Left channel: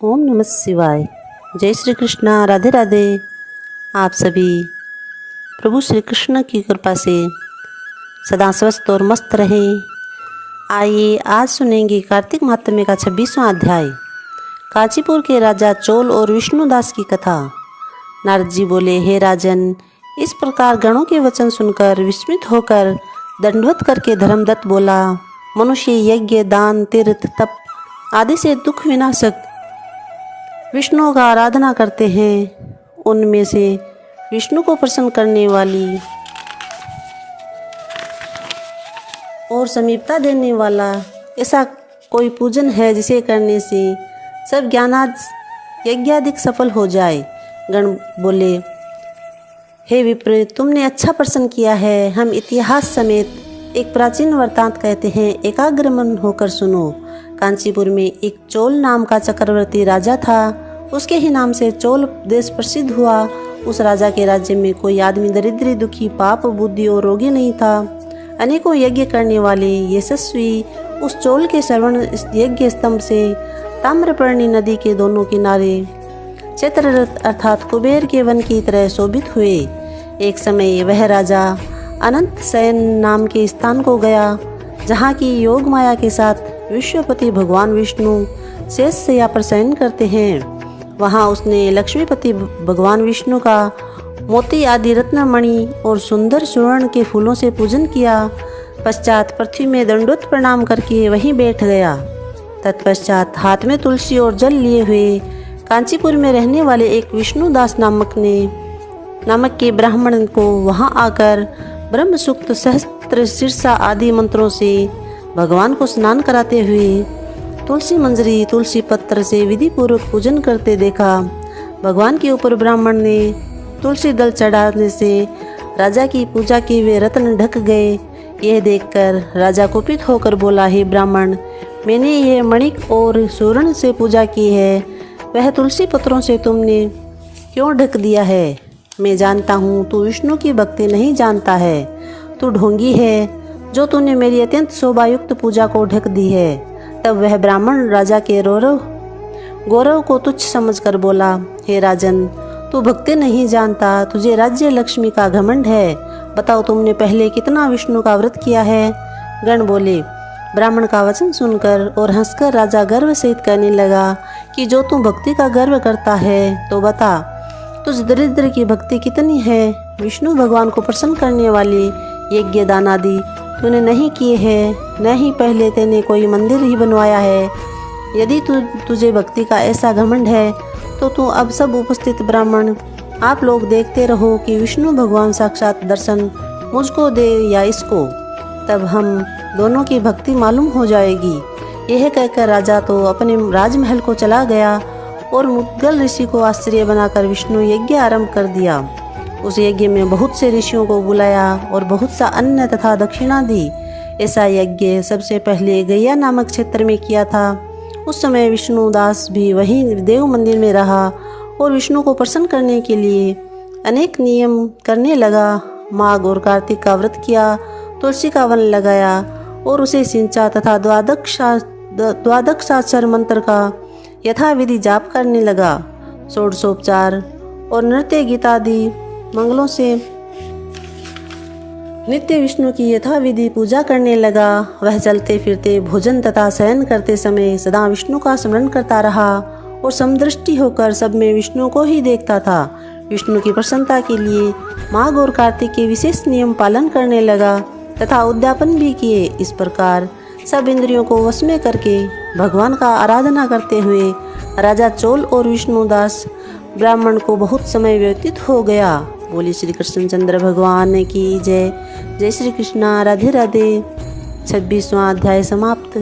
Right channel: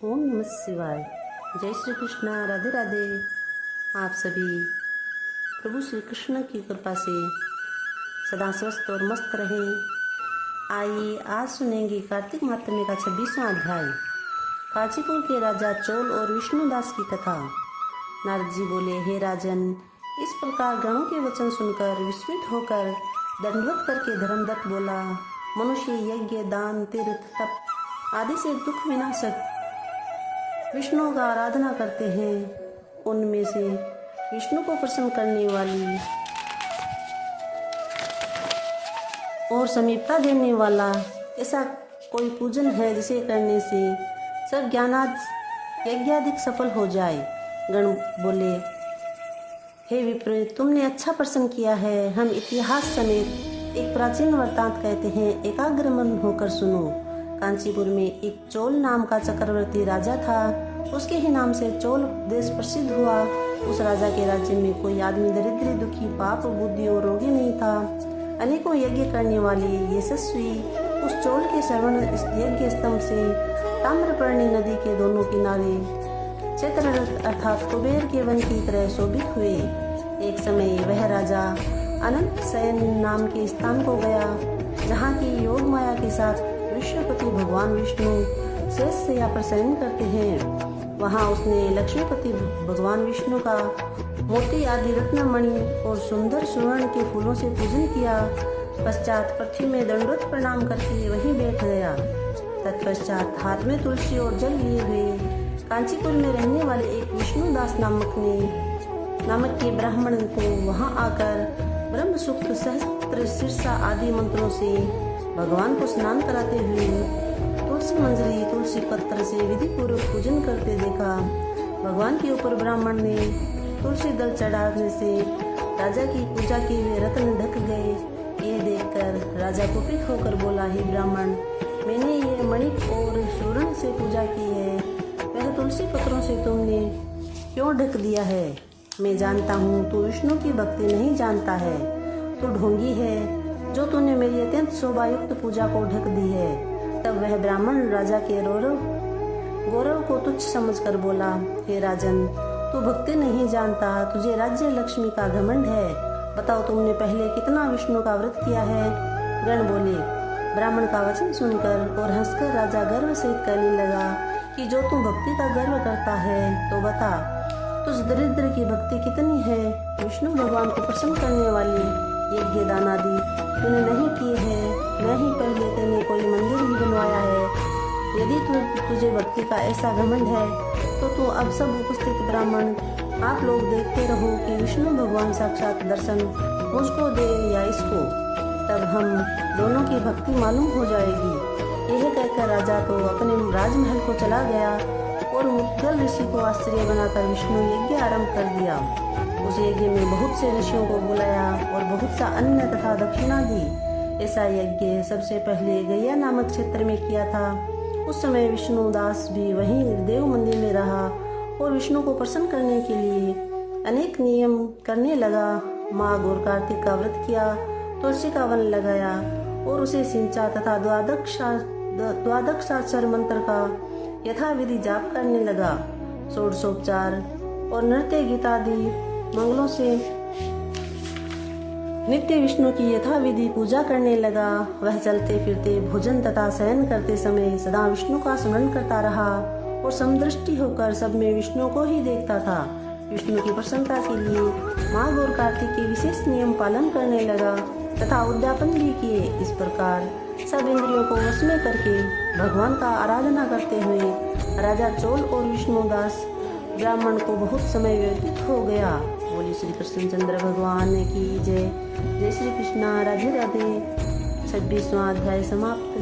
ओम नमः शिवाय। जय श्री कृष्णा। राधे राधे। आप सभी प्रभु श्री कृष्ण की कृपा से सदा स्वस्थ और मस्त रहें। आइए आज सुनेंगे कार्तिक महात्म्य का 26वां अध्याय, कांचीपुर के राजा चोल और विष्णुदास की कथा। नारद जी बोले, हे राजन, इस प्रकार गणों के वचन सुनकर विस्मित होकर दंडवत करके धर्मदत्त बोला, मनुष्य यज्ञ, दान, तीर्थ, तप आदि से दुख विनाशक विष्णु का आराधना करते हैं। उनमें से विष्णु को प्रसन्न करने वाली और समीपता देने वाला ऐसा कोई पूजन है जिसे करने से सब ज्ञानादि यज्ञादिक सफल हो जाए। गण बोले, हे विप्र, तुमने अच्छा प्रश्न किया है। हम इतिहास समेत एक प्राचीन वृत्तांत कहते हैं, एकाग्र मन होकर सुनो। कांचीपुर में एक चोल नाम का चक्रवर्ती राजा था। उसके ही नाम से चोल देश प्रसिद्ध हुआ। उस राजा के राज्य में कोई आदमी दरिद्री, दुखी, पाप बुद्धि और रोगी नहीं था। अनेकों यज्ञ करने वाले यशस्वी उस चोल के श्रवण यज्ञ स्तंभ से ताम्रपर्णी नदी के दोनों किनारे चित्ररथ अर्थात कुबेर के वन की तरह शोभित हुए। एक समय वह राजा अनंत शयन नाम के स्थान को गया, जहाँ की योग माया के साथ विश्वपति भगवान विष्णु शेष शैया पर शयन करते हैं। वहाँ उसने लक्ष्मीपति भगवान विष्णु का मोती आदि रत्नमणि और सुंदर सुवर्ण के फूलों से पूजन किया। पश्चात पृथ्वी में दंडोत प्रणाम करके वहीं बैठ गया। तत्पश्चात हाथ में तुलसी और जल लिए हुए कांचीपुर में रहने वाले एक विष्णुदास नामक के ब्राह्मण को वहां आकर ब्रह्म सूक्त, सहस्त्र शीर्षा आदि मंत्रों से भगवान को स्नान कराते हुए तुलसी मंजरी, तुलसी पत्र से विधि पूर्वक पूजन करते देखा। भगवान के ऊपर ब्राह्मण ने तुलसी दल चढ़ाने से राजा की पूजा के वे रत्न ढक गए। यह देखकर राजा कुपित होकर बोला, हे ब्राह्मण, मैंने ये मणिक और स्वर्ण से पूजा की है, वह तुलसी पत्रों से तुमने क्यों ढक दिया है? मैं जानता हूँ तू विष्णु की भक्ति नहीं जानता है। तू ढोंगी है जो तूने मेरी अत्यंत शोभायुक्त पूजा को ढक दी है। तब वह ब्राह्मण राजा के गौरव को तुच्छ समझकर बोला, हे राजन, तू भक्ति नहीं जानता, तुझे राज्य लक्ष्मी का घमंड है। बताओ तुमने पहले कितना विष्णु का व्रत किया है? गण बोले, ब्राह्मण का वचन सुनकर और हंसकर राजा गर्व सहित कहने लगा कि जो तू भक्ति का गर्व करता है तो बता, तुझ दरिद्र की भक्ति कितनी है? विष्णु भगवान को प्रसन्न करने वाले यज्ञ, दान आदि तूने नहीं किए हैं, न ही पहले तेने कोई मंदिर ही बनवाया है। यदि तुझे भक्ति का ऐसा घमंड है तो तू अब सब उपस्थित ब्राह्मण आप लोग देखते रहो कि विष्णु भगवान साक्षात दर्शन मुझको दे या इसको, तब हम दोनों की भक्ति मालूम हो जाएगी। यह कहकर राजा तो अपने राजमहल को चला गया और मुद्गल ऋषि को आश्चर्य बनाकर विष्णु यज्ञ आरंभ कर दिया। उस यज्ञ में बहुत से ऋषियों को बुलाया और बहुत सा अन्न तथा दक्षिणा दी। ऐसा यज्ञ सबसे पहले गया नामक क्षेत्र में किया था। उस समय विष्णुदास भी वहीं देव मंदिर में रहा और विष्णु को प्रसन्न करने के लिए अनेक नियम करने लगा। माघ और कार्तिक का व्रत किया, तुलसी का वन लगाया और उसे सिंचा तथा द्वादशाक्षर मंत्र का यथाविधि जाप करने लगा। षोडशोपचार और नृत्य गीतादि मंगलों से नित्य विष्णु की यथाविधि पूजा करने लगा। वह चलते फिरते, भोजन तथा शयन करते समय सदा विष्णु का स्मरण करता रहा और समदृष्टि होकर सब में विष्णु को ही देखता था। विष्णु की प्रसन्नता के लिए माघ और कार्तिक के विशेष नियम पालन करने लगा तथा उद्यापन भी किए। इस प्रकार सब इंद्रियों को वश में करके भगवान का आराधना करते हुए राजा चोल और विष्णुदास ब्राह्मण को बहुत समय व्यतीत हो गया। बोली श्री कृष्णचंद्र भगवान की जय। जय श्री कृष्णा। राधे राधे। 26वां अध्याय समाप्त।